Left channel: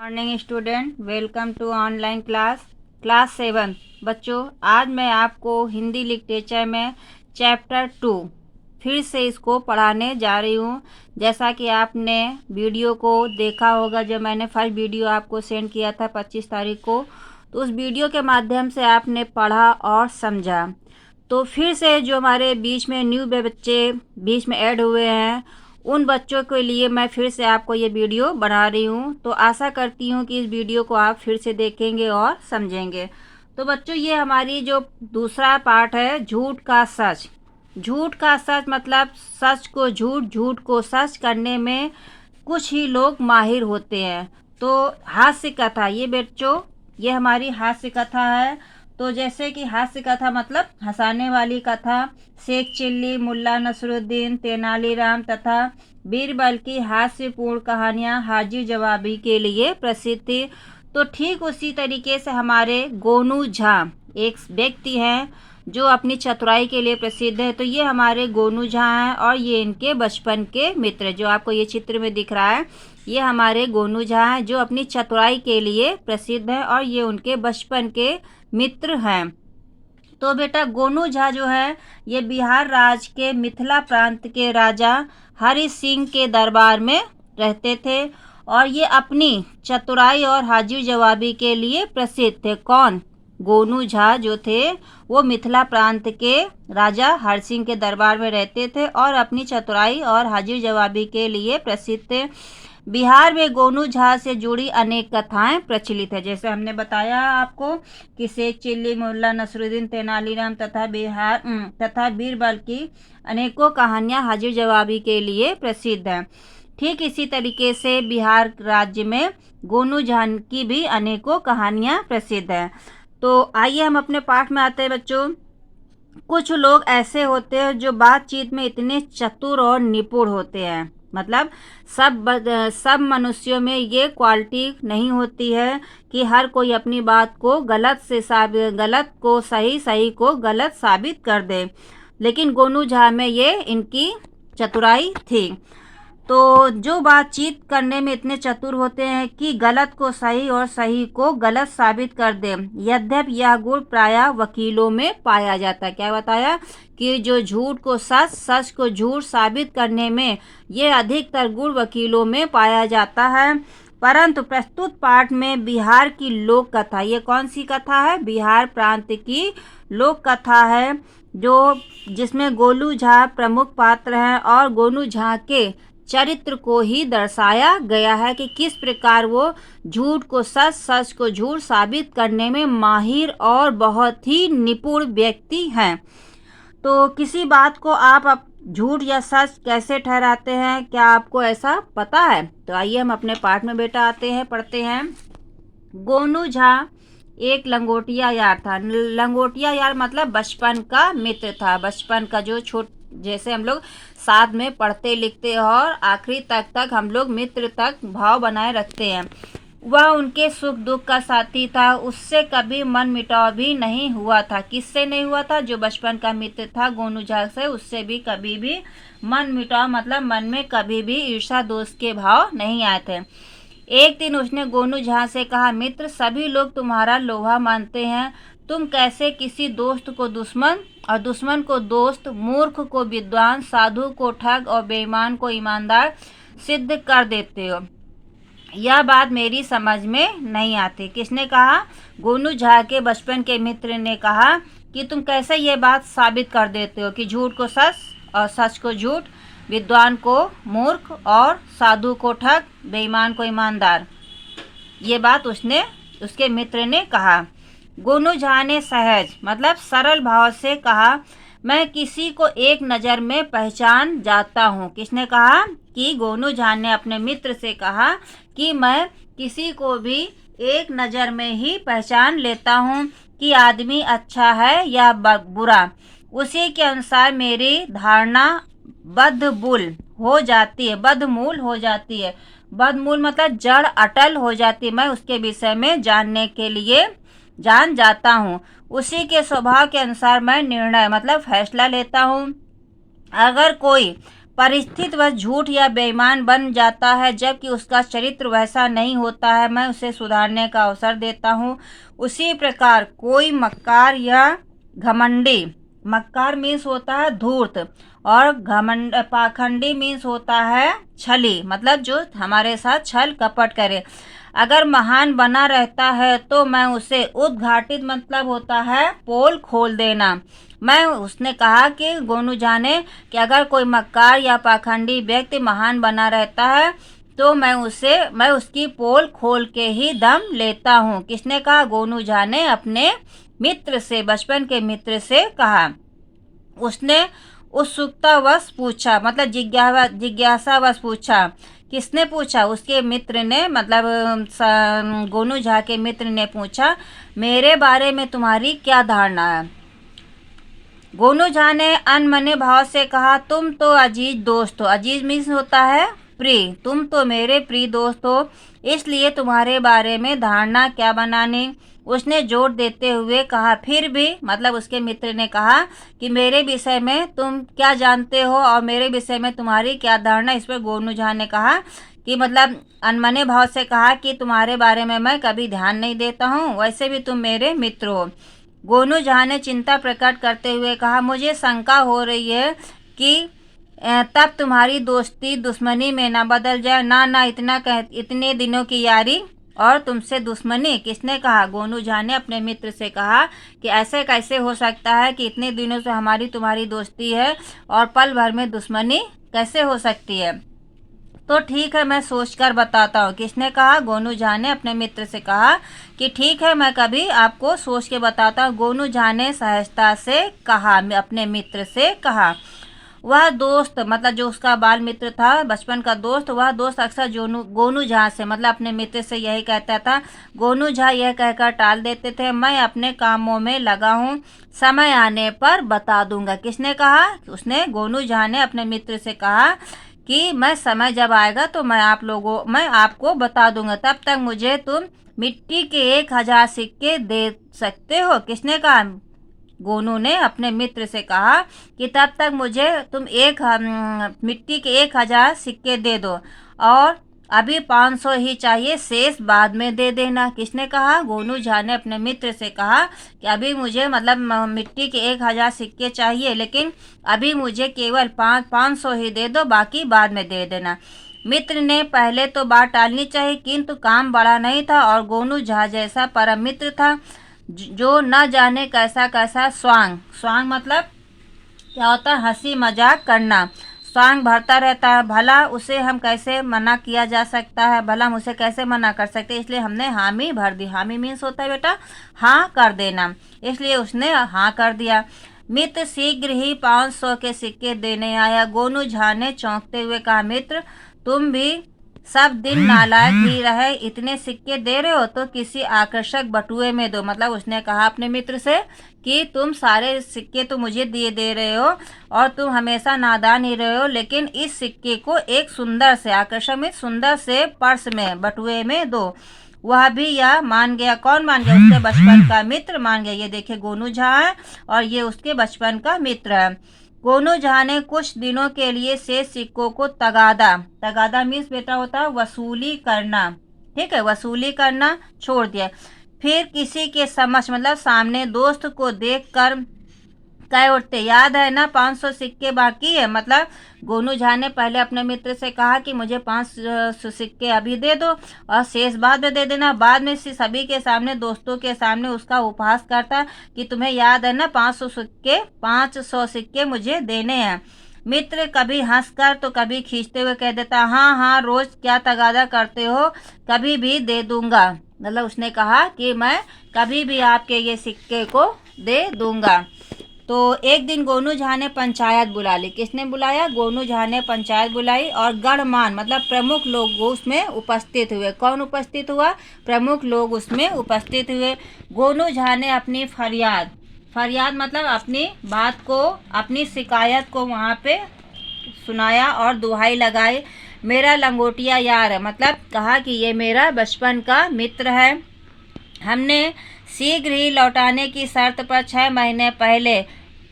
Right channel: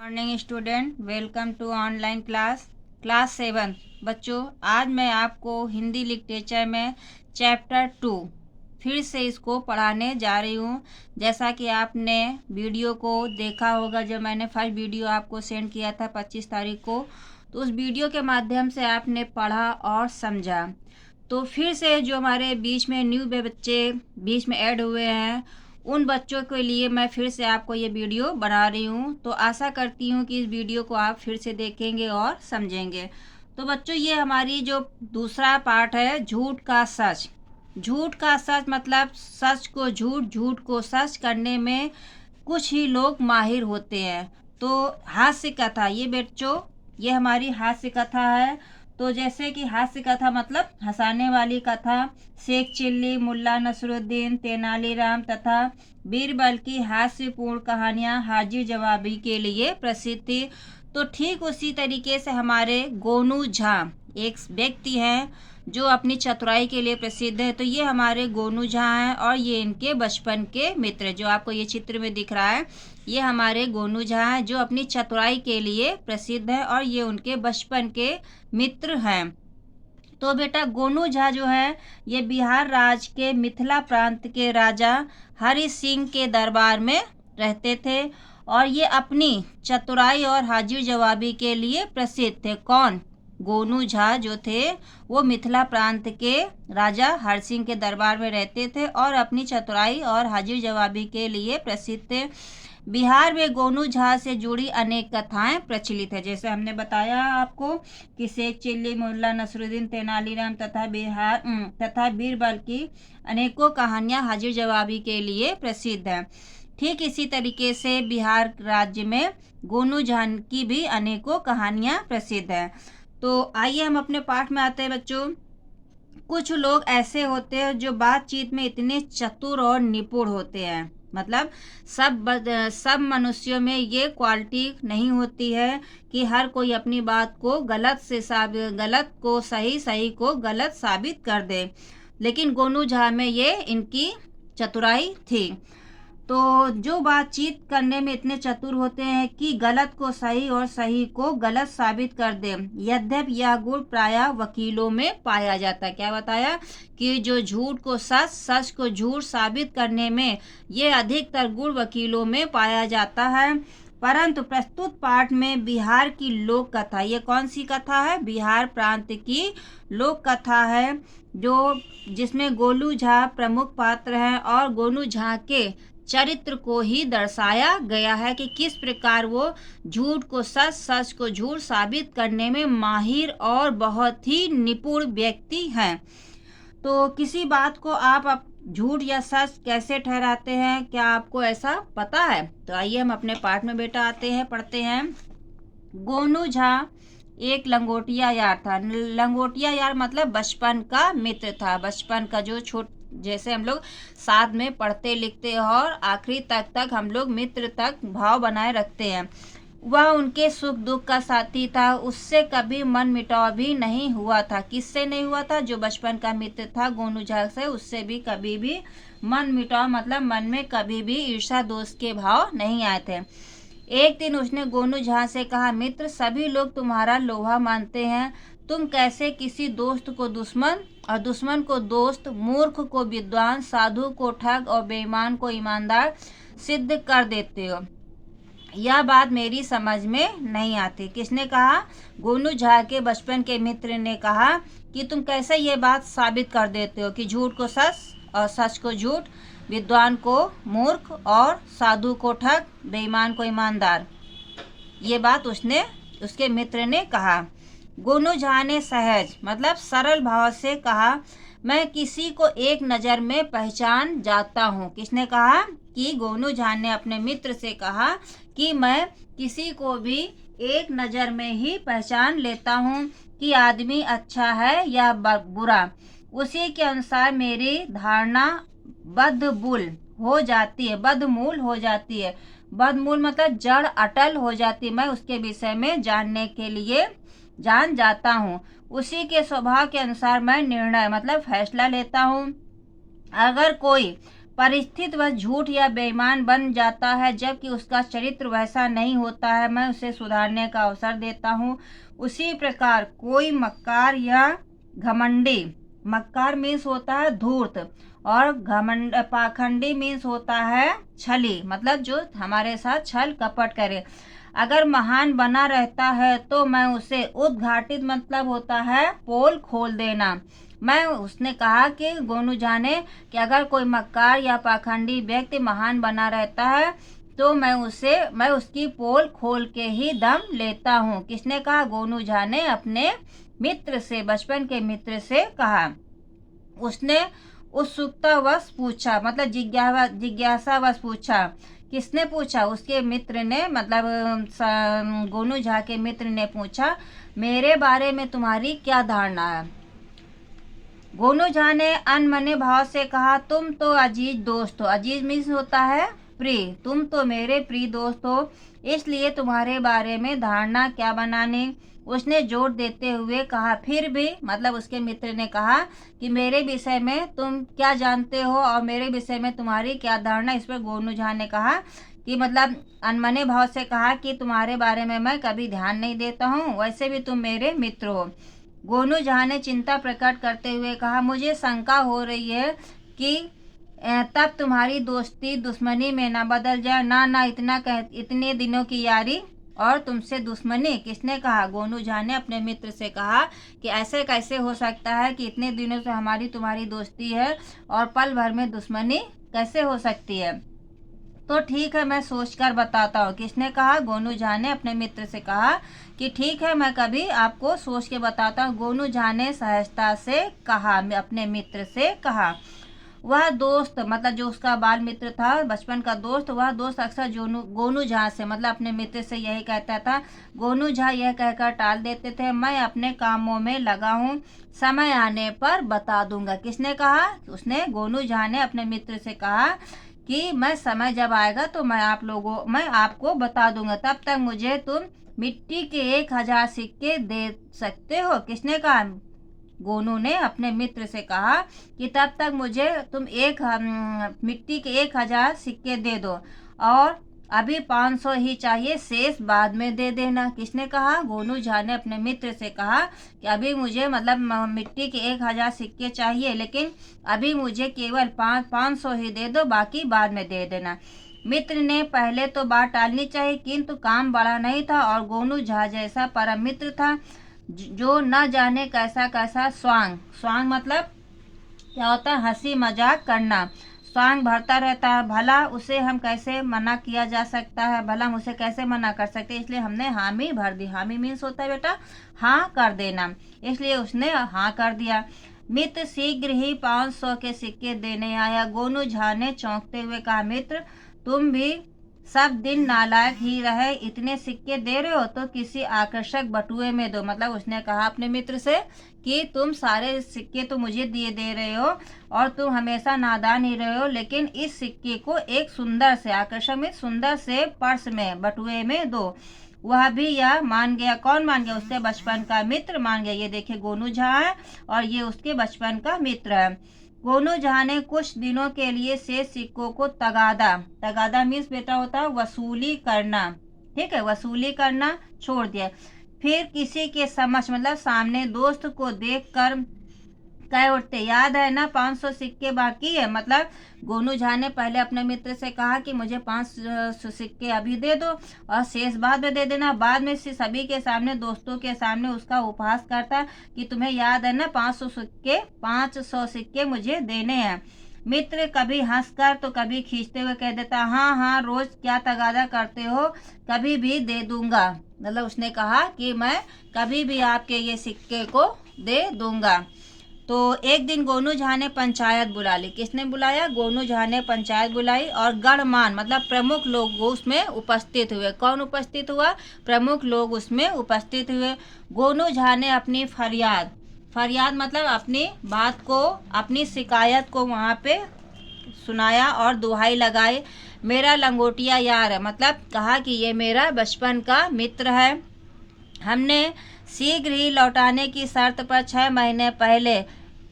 Morning student, welcome to online class 7। बच्चों, आज मैं आपको हिंदी लिटरेचर में चैप्टर 2 फिर से इसको पढ़ाने जा रही हूँ। जैसा कि आपने वीडियो को देखा होगा, जब मैंने फर्स्ट वीडियो आपको सेंड किया था 25 तारीख को, तो उस वीडियो के माध्यम से आपने पढ़ा और समझा। तो फिर से जो हमारे बीच में न्यू बच्चे बीच में ऐड हुए हैं, उन बच्चों के लिए मैं फिर से आपको ये वीडियो बना रही हूँ। तो आशा करती हूँ कि इस वीडियो को आप फिर से देखेंगे और समझेंगे। तो बच्चों, ये हमारी जो दूसरा पार्ट है, झूठ का सच। झूठ का सच मतलब सच को झूठ, झूठ को सच करने में कुछ ही लोग माहिर होते हैं। तो हास्य कथा, ये बच्चों ये हमारी हास्य कथा है। तो जैसे कि हास्य कथा मतलब हंसाने वाली कथा, शेख चिल्ली, मुल्ला नसरुद्दीन, तेनालीराम तथा बीरबल की हास्यपूर्ण कहानियाँ हाजिर जवाबी के लिए प्रसिद्ध थी। तो ठीक उसी तरीके से हमारे गोनू झा एक व्यक्ति हैं जो अपनी चतुराई के लिए प्रसिद्ध है। तो ये हमारे गोनू झा हैं और ये इनके बचपन के मित्र, जो आपको ये चित्र में दिख रहा है, ये हमारे गोनू झा हैं जो अपनी चतुराई के लिए प्रसिद्ध है और ये उनके बचपन के मित्र हैं। तो बेटा, गोनू झा जो है ये बिहार राज्य के मिथिला प्रांत के राजा हरि सिंह के दरबार में रहते थे और ये अपनी चतुराई और हाजिर जवाबी के लिए प्रसिद्ध थे। कौन? गोनू झा जो थे वो मिथिला प्रांत के राजा हरि सिंह के दरबार में रहते थे और अपनी चतुराई और हाजिर जवाबी के लिए प्रसिद्ध थे। बिहार में गोनू झा से जुड़ी अनेक कथाएं प्रचलित है। जैसे हमने बताया आपको कि शेख चिल्ली, मुल्ला नसरुद्दीन, तेनालीराम तथा बीरबल की अनेकों कहानियां हाजिर जवाबी के लिए प्रसिद्ध हैं। ठीक इसी तरीके से बिहार राज्य में गोनू झा की भी अनेकों कहानियां प्रसिद्ध हैं। तो आइए हम अपने पाठ में आते हैं बच्चों। कुछ लोग ऐसे होते हैं जो बातचीत में इतने चतुर और निपुण होते हैं, मतलब सब मनुष्यों में ये क्वालिटी नहीं होती है कि हर कोई अपनी बात को गलत को सही, सही को गलत साबित कर दे, लेकिन गोनू झा में ये इनकी चतुराई थी। तो जो बातचीत करने में इतने चतुर होते हैं कि गलत को सही और सही को गलत साबित कर दे। यद्यपि यह गुण प्रायः वकीलों में पाया जाता है। क्या बताया कि जो झूठ को सच, सच को झूठ साबित करने में ये अधिकतर गुण वकीलों में पाया जाता है। परंतु प्रस्तुत पाठ में बिहार की लोक कथा, ये कौन सी कथा है? बिहार प्रांत की लोक कथा है, जो जिसमें गोनू झा प्रमुख पात्र हैं और गोनू झा के चरित्र को ही दर्शाया गया है कि किस प्रकार वो झूठ को सच, सच को झूठ साबित करने में माहिर और बहुत ही निपुण व्यक्ति हैं। तो किसी बात को आप झूठ या सच कैसे ठहराते हैं, क्या आपको ऐसा पता है? तो आइए हम अपने पाठ में बेटा आते हैं, पढ़ते हैं। गोनू झा एक लंगोटिया यार था। लंगोटिया यार मतलब बचपन का मित्र था। बचपन का जो जैसे हम लोग साथ में पढ़ते लिखते और आखिरी तक हम लोग मित्र तक भाव बनाए रखते हैं। वह उनके सुख दुख का साथी था। उससे कभी मन मिटाव भी नहीं हुआ था। किससे नहीं हुआ था? जो बचपन का मित्र था गोनू झा से, उससे भी कभी भी मन मिटाव मतलब मन में कभी भी ईर्ष्या दोष के भाव नहीं आए थे। एक दिन उसने गोनू झा से कहा, मित्र, सभी लोग तुम्हारा लोहा मानते हैं, तुम कैसे किसी दोस्त को दुश्मन और दुश्मन को दोस्त, मूर्ख को विद्वान, साधु को ठग और बेईमान को ईमानदार सिद्ध कर देते हो? यह बात मेरी समझ में नहीं आती। किसने कहा? गोनू झा के बचपन के मित्र ने कहा कि तुम कैसे ये बात साबित कर देते हो कि झूठ को सच और सच को झूठ, विद्वान को मूर्ख और साधु को ठग, बेईमान को ईमानदार। ये बात उसके मित्र ने कहा। गोनू झा ने सहज मतलब सरल भाव से कहा, मैं किसी को एक नज़र में पहचान जाता हूँ। किसने कहा? कि गोनू झा ने अपने मित्र से कहा कि मैं किसी को भी एक नज़र में ही पहचान लेता हूँ कि आदमी अच्छा है या बुरा। उसी के अनुसार मेरी धारणा बदमूल हो जाती है। बदमूल मतलब जड़ अटल हो जाती है। मैं उसके विषय में जानने के लिए जान जाता हूँ। उसी के स्वभाव के अनुसार मैं निर्णय मतलब फैसला लेता हूँ। अगर कोई परिस्थिति वह झूठ या बेईमान बन जाता है जबकि उसका चरित्र वैसा नहीं होता है, मैं उसे सुधारने का अवसर देता हूँ। उसी प्रकार कोई मक्कार या घमंडी, मक्कार मीन्स होता है धूर्त, और घमंड पाखंडी मीन्स होता है छली, मतलब जो हमारे साथ छल कपट करे, अगर महान बना रहता है तो मैं उसे उद्घाटित, मतलब होता है पोल खोल देना। मैं उसने कहा कि गोनू जाने कि अगर कोई मक्कार या पाखंडी व्यक्ति महान बना रहता है तो मैं उसकी पोल खोल के ही दम लेता हूँ। किसने कहा? गोनू झा ने अपने मित्र से, बचपन के मित्र से कहा। उसने उत्सुकतावश पूछा, मतलब जिज्ञासावश पूछा। किसने पूछा? उसके मित्र ने, मतलब गोनू झा के मित्र ने पूछा, मेरे बारे में तुम्हारी क्या धारणा है? गोनू झा ने अनमने भाव से कहा, तुम तो अजीज दोस्त हो। अजीज मीन्स होता है प्रिय। तुम तो मेरे प्रिय दोस्त हो, इसलिए तुम्हारे बारे में धारणा क्या बनानी। उसने जोर देते हुए कहा, फिर भी, मतलब उसके मित्र ने कहा कि मेरे विषय में तुम क्या जानते हो और मेरे विषय में तुम्हारी क्या धारणा। इस पर गोनू झा ने कहा कि, मतलब अनमने भाव से कहा कि तुम्हारे बारे में मैं कभी ध्यान नहीं देता हूँ, वैसे भी तुम मेरे मित्र हो। गोनू झा ने चिंता प्रकट करते हुए कहा, मुझे शंका हो रही है कि तब तुम्हारी दोस्ती दुश्मनी में ना बदल जाए। ना, इतने दिनों की यारी और तुमसे दुश्मनी। किसने कहा? गोनू झा ने अपने मित्र से कहा कि ऐसे कैसे हो सकता है कि इतने दिनों से हमारी तुम्हारी दोस्ती है और पल भर में दुश्मनी कैसे हो सकती है? तो ठीक है, मैं सोचकर बताता हूँ। किसने कहा? गोनू झा ने अपने मित्र से कहा कि ठीक है, मैं कभी आपको सोच के बताता हूँ। गोनू झा ने सहजता से कहा, अपने मित्र से कहा। वह दोस्त, मतलब जो उसका बाल मित्र था, बचपन का दोस्त, वह दोस्त अक्सर गोनू झा से, मतलब अपने मित्र से यही कहता था। गोनू झा यह कहकर टाल देते थे, मैं अपने कामों में लगा हूँ, समय आने पर बता दूंगा। किसने कहा? उसने, गोनू झा ने अपने मित्र से कहा कि मैं समय जब आएगा तो मैं आपको बता दूंगा, तब तक मुझे तुम मिट्टी के 1000 सिक्के दे सकते हो। किसने कहा? गोनू ने अपने मित्र से कहा कि तब तक मुझे तुम मिट्टी के 1000 सिक्के दे दो, और अभी 500 ही चाहिए, शेष बाद में दे देना। किसने कहा? गोनू झा ने अपने मित्र से कहा कि अभी मुझे, मतलब मिट्टी के 1000 सिक्के चाहिए, लेकिन अभी मुझे केवल 500 ही दे दो, बाकी बाद में दे देना। मित्र ने पहले तो बात टालनी चाहिए, किंतु काम बड़ा नहीं था और गोनू झा जैसा परम मित्र था जो न जाने कैसा कैसा स्वांग मतलब क्या होता है? हंसी मजाक करना। स्वांग भरता रहता है। भला उसे हम कैसे मना किया जा सकता है? भला हम उसे कैसे मना कर सकते हैं? इसलिए हमने हामी भर दी। हामी मीन्स होता है बेटा हाँ कर देना, इसलिए उसने हाँ कर दिया। मित्र शीघ्र ही 500 के सिक्के देने आया। गोनू झा ने चौंकते हुए कहा, मित्र तुम भी सब दिन नालायक ही रहे, इतने सिक्के दे रहे हो तो किसी आकर्षक बटुए में दो। मतलब उसने कहा अपने मित्र से कि तुम सारे सिक्के तो मुझे दिए दे रहे हो और तुम हमेशा नादान ही रहे हो, लेकिन इस सिक्के को एक सुंदर से, आकर्षक में सुंदर से पर्स में, बटुए में दो। वह भी यह मान गया। कौन मान गया? उसके बचपन का मित्र मान गया। ये देखिए गोनू झा है और ये उसके बचपन का मित्र है। गोनू झा ने कुछ दिनों के लिए शेष सिक्कों को तगादा मीन्स बेटा होता है वसूली करना, ठीक है, वसूली करना छोड़ दिया। फिर किसी के समक्ष, मतलब सामने दोस्त को देखकर कह उठते, याद है ना 500 सिक्के बाकी है। मतलब गोनू झा ने पहले अपने मित्र से कहा कि मुझे 500 सिक्के अभी दे दो और शेष बाद में दे देना। बाद में सभी के सामने, दोस्तों के सामने उसका उपहास करता कि तुम्हें याद है ना 500 सिक्के मुझे देने हैं। मित्र कभी हंसकर तो कभी खींचते हुए कह देता, हाँ हाँ रोज क्या तगादा करते हो, कभी भी दे दूंगा। मतलब उसने कहा कि मैं कभी भी आपके ये सिक्के को दे दूंगा। तो एक दिन गोनू झा ने पंचायत बुला ली। किसने बुलाया? गोनू झा ने पंचायत बुलाई और गणमान्य, मतलब प्रमुख लोग उसमें उपस्थित हुए। कौन उपस्थित हुआ? प्रमुख लोग उसमें उपस्थित हुए। गोनू झा ने अपनी फरियाद मतलब अपनी बात को, अपनी शिकायत को वहाँ पे सुनाया और दुहाई लगाई। मेरा लंगोटिया यार है, मतलब कहा कि ये मेरा बचपन का मित्र है। हमने शीघ्र ही लौटाने की शर्त पर 6 महीने पहले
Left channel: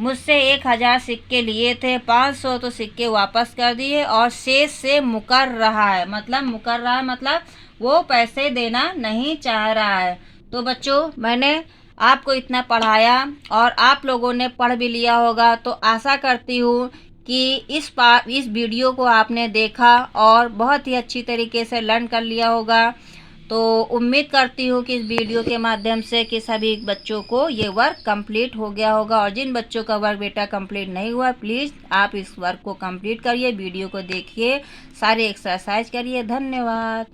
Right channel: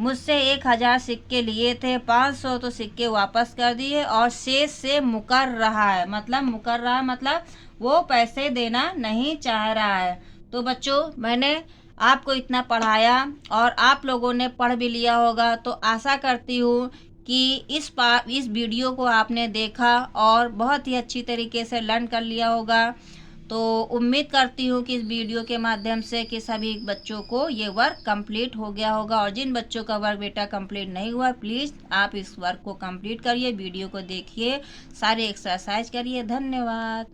मुझसे 1000 सिक्के लिए थे, 500 तो सिक्के वापस कर दिए और शेष से मुकर रहा है। मतलब वो पैसे देना नहीं चाह रहा है। तो बच्चों, मैंने आपको इतना पढ़ाया और आप लोगों ने पढ़ भी लिया होगा, तो आशा करती हूँ कि इस वीडियो को आपने देखा और बहुत ही अच्छी तरीके से लर्न कर लिया होगा। तो उम्मीद करती हूँ कि इस वीडियो के माध्यम से कि सभी बच्चों को ये वर्क कंप्लीट हो गया होगा। और जिन बच्चों का वर्क बेटा कंप्लीट नहीं हुआ, प्लीज़ आप इस वर्क को कंप्लीट करिए, वीडियो को देखिए, सारे एक्सरसाइज करिए। धन्यवाद।